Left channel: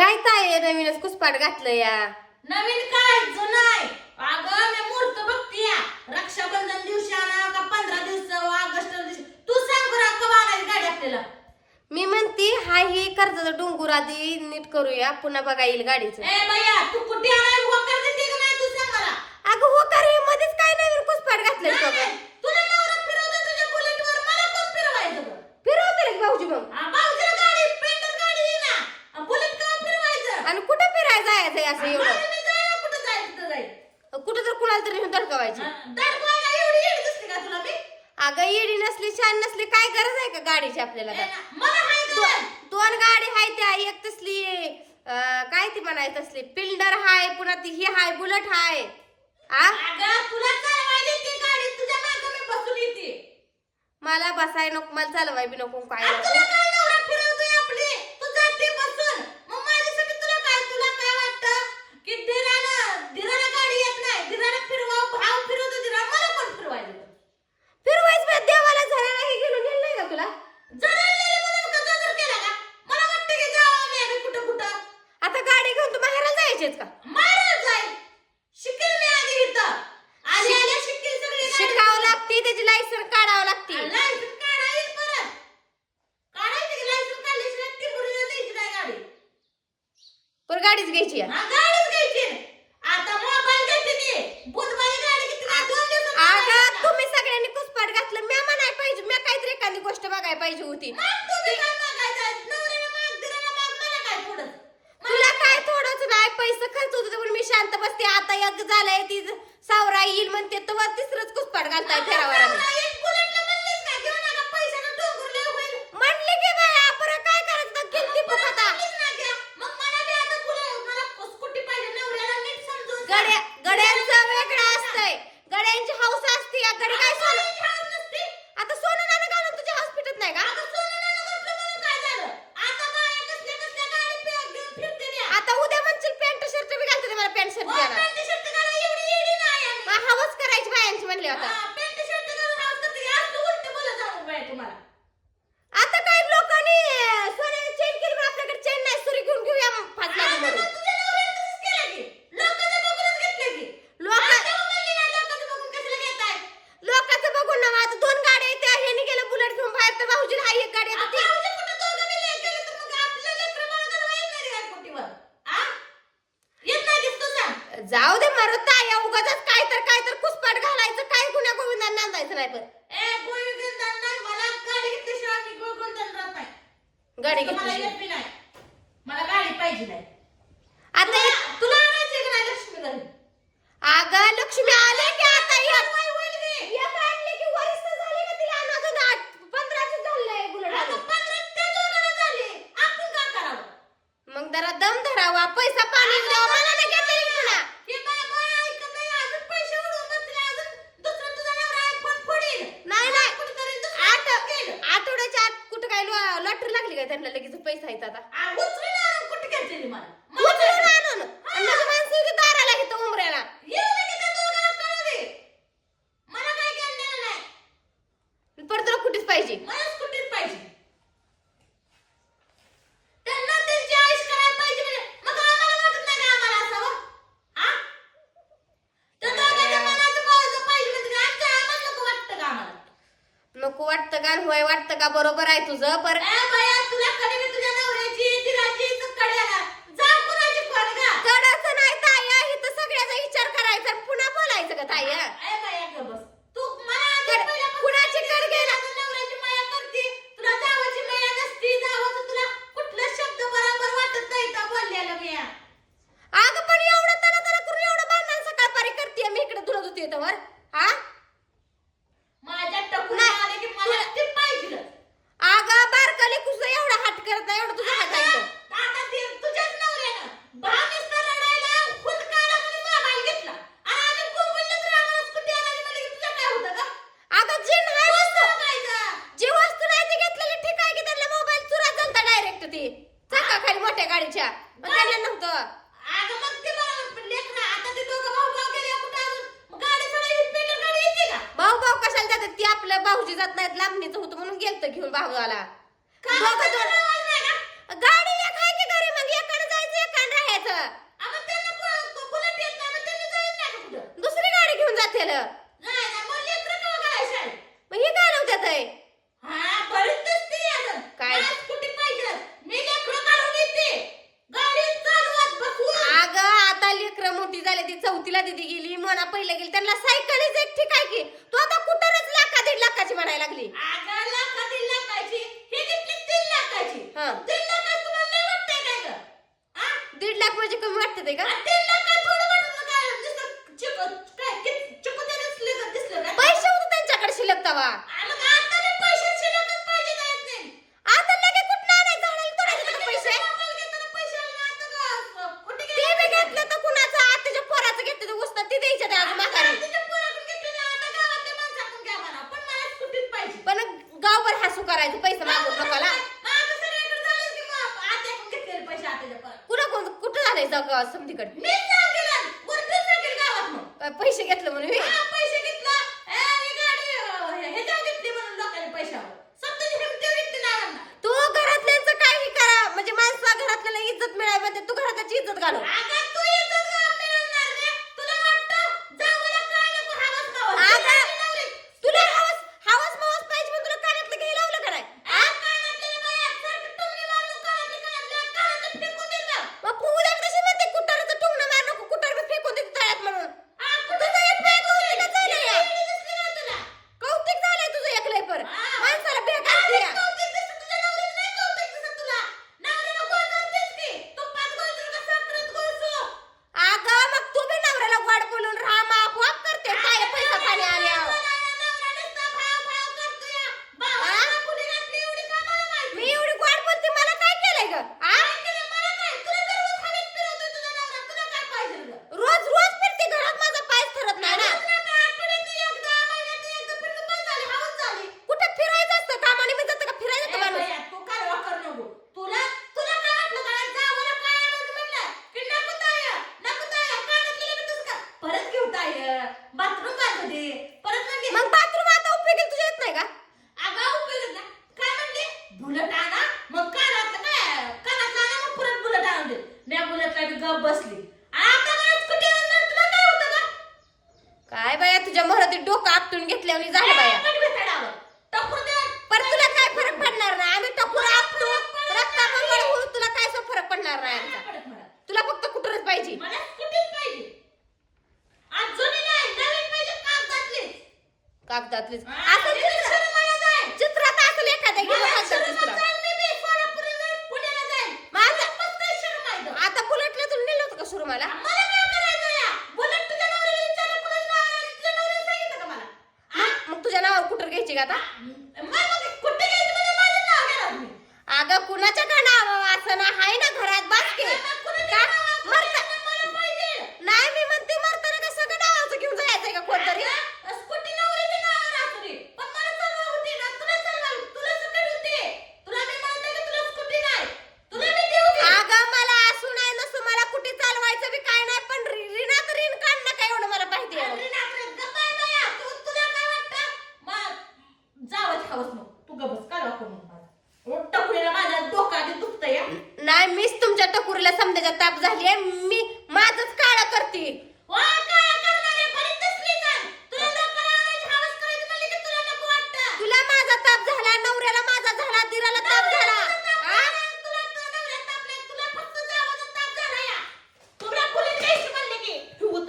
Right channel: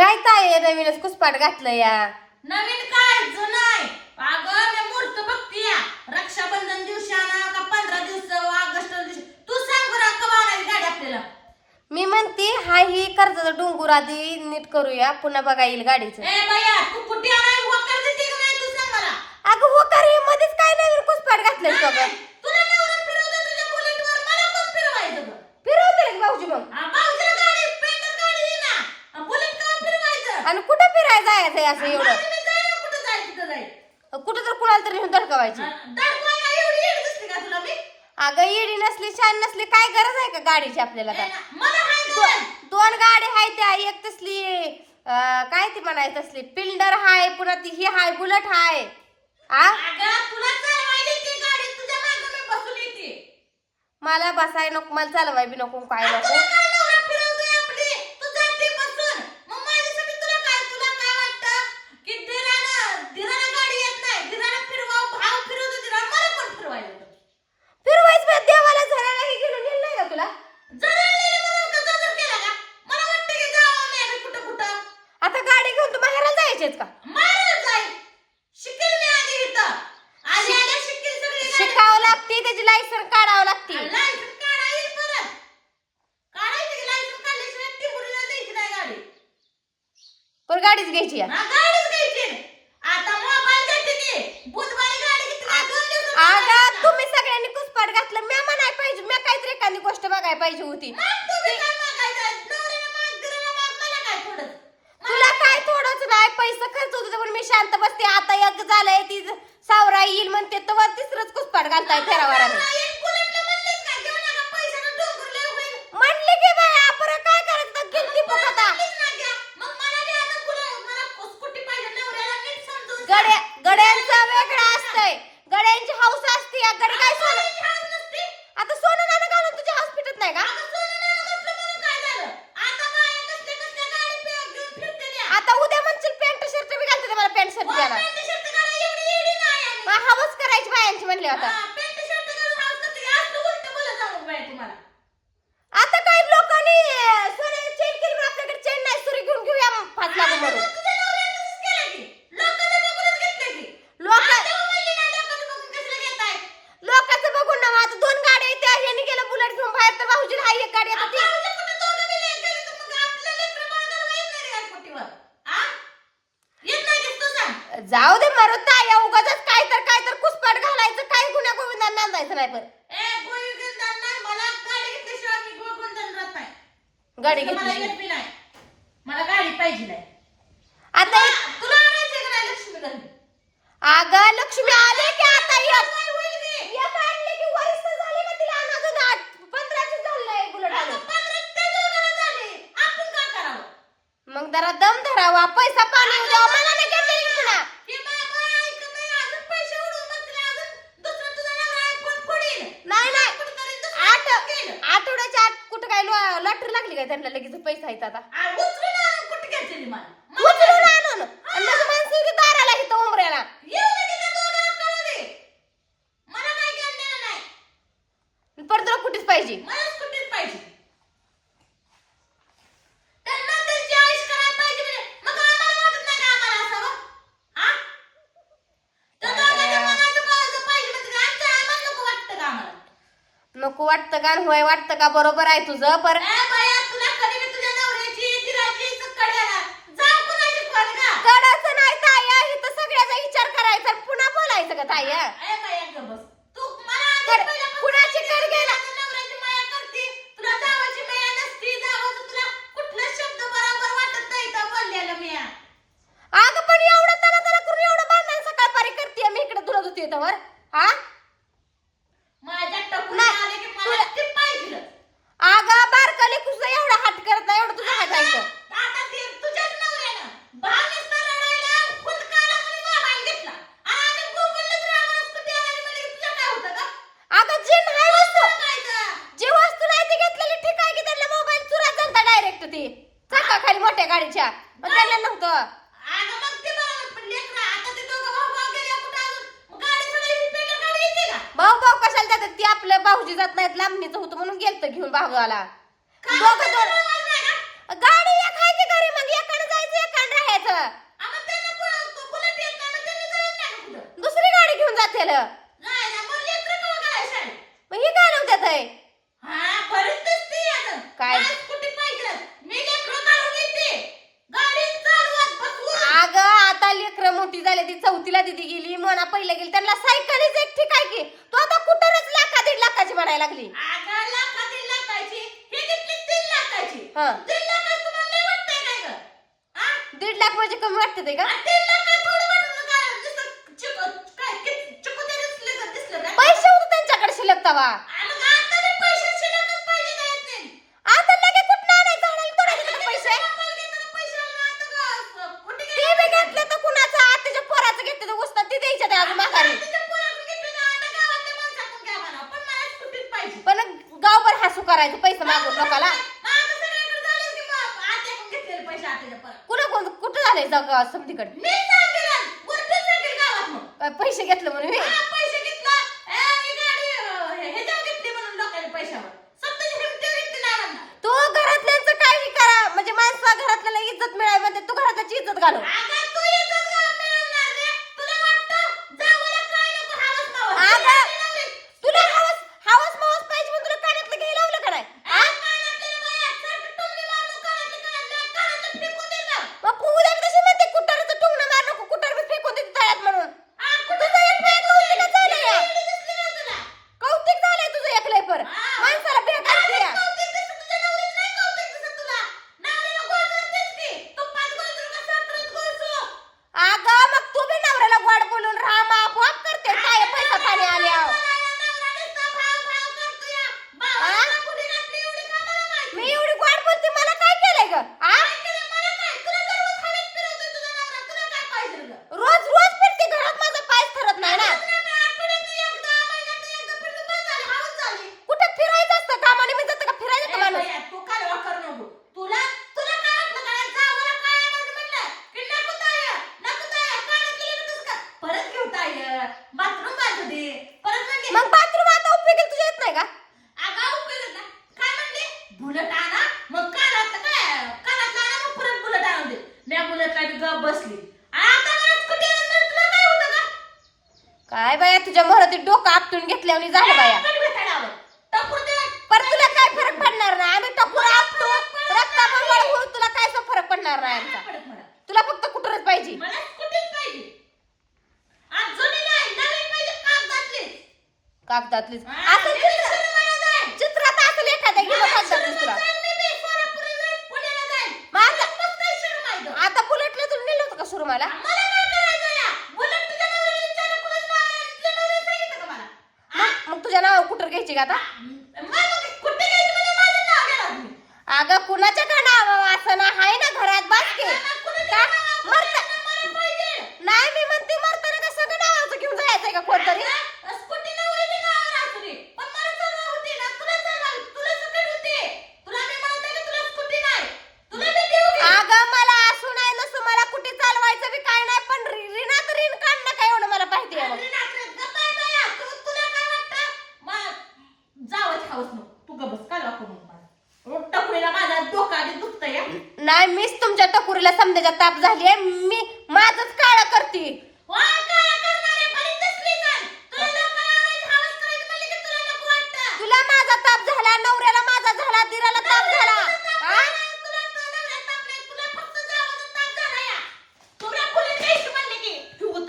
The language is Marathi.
काय ताय नवीनच कुसपाट घातलं या? नवीन काय? जुनं आहे. अगं मी मूर्त बघतीया रक्षाबंधन दिवशी आणा का पंधरा दिवस ऑगस्ट दिवशी. तू सांग बरं आपल्याला मी म्हणते हा ही कर्जाचा डोंगर आधी नीट करूया. पुन्हा बघा येईल गाडीचं. ए बाया तू कुठे आणाय वकार देते का नाही तू सांग मला? अगं हो का रे मध्येच काय नवीन कुसपाट घातलंय नाही, सगळं नाही. तुला नवरा फिरवतो तुझ्या बुलेटवर मला कोण फिरवायचं गं? फिरवते रे भाऊजी मग आ, भाऊजीला गाडी पेंटर गाडी आहे ना आ, बुलेट का फिरवायचं आणि कुठं फिरायला जायचंय असं एवढं. कुठं तिथं तर कुणाला तरी नेऊन धडकवायची. दाखवायला एवढी येड दिसते का तुला मी? अगं येडी नसली छान नसली काय गरज आहे का गाडीची आपल्याला आता? मला. दोन गाडी हाय त्या एक तसली अं, काय ती म्हणायची तसली पिल्डर हाय पुन्हा ती ही हाय बुलेट हाय. आ? अगं, तुला चालवायला येते गाडी, तुझ्या मागं मी बसून येते. मला बसाय नको मला चालवाय बी नको काय आणि नको. तुला काय नवरा फिरवतोय आपली? तू जाते बसून. मग माझ्यासाठी तुला काय- तुला काय वाटतं? की धीरानं- धीरानं गाडी येत नाही. धीरानं फिरवावं, भाव फिरवतो धीरानं, मला पण फिरवायला होतं. फिरवायच बा, देवाला झरायला हे गेलं नेलं नाही का तुला जळालेलं म्हणून का जळजळ केला का? मला वाटतं की जावं मी आता कुठं कुठं. आता गाडी घेऊन तू बाहेरला जायचेच का मारायला जाईल. शिकेल मी आधी इथं. आधी आल्या शिकेल सगळी गाडी. शिकावं लागते त्याची लायसन काढावं लागते लायसन काढायची परत. काढायची की लायसन काढल्याशिवाय टिपूरीला द्यायची नाही गाडी. पण गाडीच घ्यायची आहे. हा, गाडीच घ्यायची नाही. आता मोबाईल देते ती. बुधवारी गाडी घेतली की दोन दिवसात अगं मोबाईल तुम्ही सगळ्यांनी कुसपाट घातलं. मी म्हणाय पाहिजे मी काहीतरी एखादी गोष्ट बघायला पाहिजे होती? तुला काय थोडंच नाही पैसे खर्च होत पण मी शांत बसते. आता एक झालंय ती सावरा येईल म्हणते तर तिसरंच कुसपाट घालताय फेरावाराने नवरा एक बुलेटला म्हणलीस का? घेऊ नका, पैशानं डोंगर लय होईल. म्हणले की बाय आपण काय करायचं किती फुकता म्हणलीस ना घ्या. मग मला बी आता बुले- मला स्कूटी पाहिजे. नवऱ्याला नीट समजून सांग. गड्या गड्यांचं वेगळं असतंय गड्यांची हौस असते या गडी काय सोनं नवऱ्याची हाऊस नसते. आता सोनं नाणं घालून तुझ्या हॉस्पिटल नाही का अगं सोनं नाणं घातलं म्हणून काय झालं? आता बाया कसल्या कसल्या गाडी पे- घेऊन फिरते त्या. आता उद्या म्हणशील पॅन्ट शर्ट बी घालते ते मला पॅन्ट शर्ट द्यायला पॅन्ट शर्ट घालायला एवढी येडी नाही आम्ही. मग हवस करायची बायांची म्हणले आता हा, पॅन्ट शर्ट घालून हाऊस करते. असं उलटं बोलत जाऊ बाया तुम्हाला. आता काय लोकांनी अं, सोन्याची चेन केली म्हणून आपल्याकडे चेन नाही सुरी घेऊन घेऊया पाच लाख आता म्हणून तुझ्या नवऱ्यानं तसंच केलं की. लोकांचं बघूनच घेतलं की. लोक आता मग म्हणली नाही, लोकांचं बघून कशाला घेताय? लोकांचं बघून ना आता दोन गाड्या आहेत त्या ह्यानी गेलं बुलेट घेऊन बाहेर तर भाऊजी हा एक गाडी आता आता ती उद्या कुठं दोघं बी लय गेले तर मग आपलं लेकरं बाळ घालवायला येत नाही रे या पोटीवर. हा? येत नाही दिसतो सांग. जाऊ दे मारू ताया उगाच काय तर काय तर कुसपाट घालायचं काय गुन्हा पण. मला गाडी. गाडी घेतली. मला गाडी पाहिजे आता तुला आणायची का नाही लक्ष्मी घरी? अगं लक्ष्मी आले की आता एक काय आणले की वरिष्ठ झाले का तिला? अजून आठ पंधराशे झालंय बुलेट झाले. आपण काय करावं? मग जरा दम धरावा. पैसा पाणी द्यावा मला नाही घेतलेली पुन्हा हे बाबा ऐकत नाही, अजून पैसे उडवून बसले, अजून दुसरा तुझा नवरा iPhone फोडील. नाही नाही कुठेतरी दुसरं आठ केलं. आठवड्याच्या आत कुठं काय लॉटरी लागली काय त्यांना लगेच पैसा येतात आता आ, उचलून आणून कुठे घेतलेली मला? मला उचलून आणून आणि मग माणसं इथे दाराला इथं उमऱ्याला येऊ दे की त्या दोघांना कळू दे. मला काही घेणं देणं नाही. परत तुला कुठेच पाहिजे मला स्कूटीच पाहिजे. त्यांना त्यांची आयुष करायला पाहिजे म्हणजे. मग आम्हाला वाटत नाही का आम्हाला असावं? हा? त्या दोघांच्या मनाचं कळलं पाहिजे म्हणजे काय? आमच्या आम्हाला नको वाटतं का आम्हाला? नको वाटतं का होय वाटतं का? बरोबर आहे तुझं पर तुमच्या मग त्याला नव्हतं. अगं मग ते बरोबर आता ते भाऊ भाऊ गेले कुठं पेट्रोल गाडी येते का? भाऊ भाऊ कशाला जातात? ती आपलं भाऊजी जात नाहीत लांबणीचं होतं म्हणून गेलत घेऊन भावाला. काय दोघं गाडी एक आहे की घरी? मग एकानं जायचं एकानं राहायचं. नाही ना, जाऊन कुठं? दुसरी गाडी घेऊन जातील. हे काय? नव्हतं काय? झाले ती चौथीला दिदी गेली म्हणा पहिले गेली त्यांना सायकलच एक काय की. तो आता कुठंच लाखा दीड लाखाची म्हणायला लागली. दीड लाख म्हणजे कमी वाटते ते का? पैसे होते त्यांच्याकडे शिल्लक तवा आहे जाऊ गावात समधीकडे पैसे घेतलं म्हणून तू घरातल्यांचं काही करा. म्हणजे माणसा घरातल्याला इज्जत मिळाली म्हणजे तू घरात इज्जत घालव. म्हणल्यावर झालं बाया. पर तुला काय फरक पडणार नाही? आम्ही टकूर आपतो रक्ता बंगळ होऊन तुला काय फरक पडणार नाही आमचा? तुला फक्त कुठरच पाहिजे. कागदातलीच. असं चित्र चित्रात असेल एखाद्या गेलं कागदातलीच तुला. आता बुलेटला तुला नेलं होतं का सुरू मला घ्यायची का आता? अगं कुणाच्या का असं ना आहे ना घरात बसके का. मरता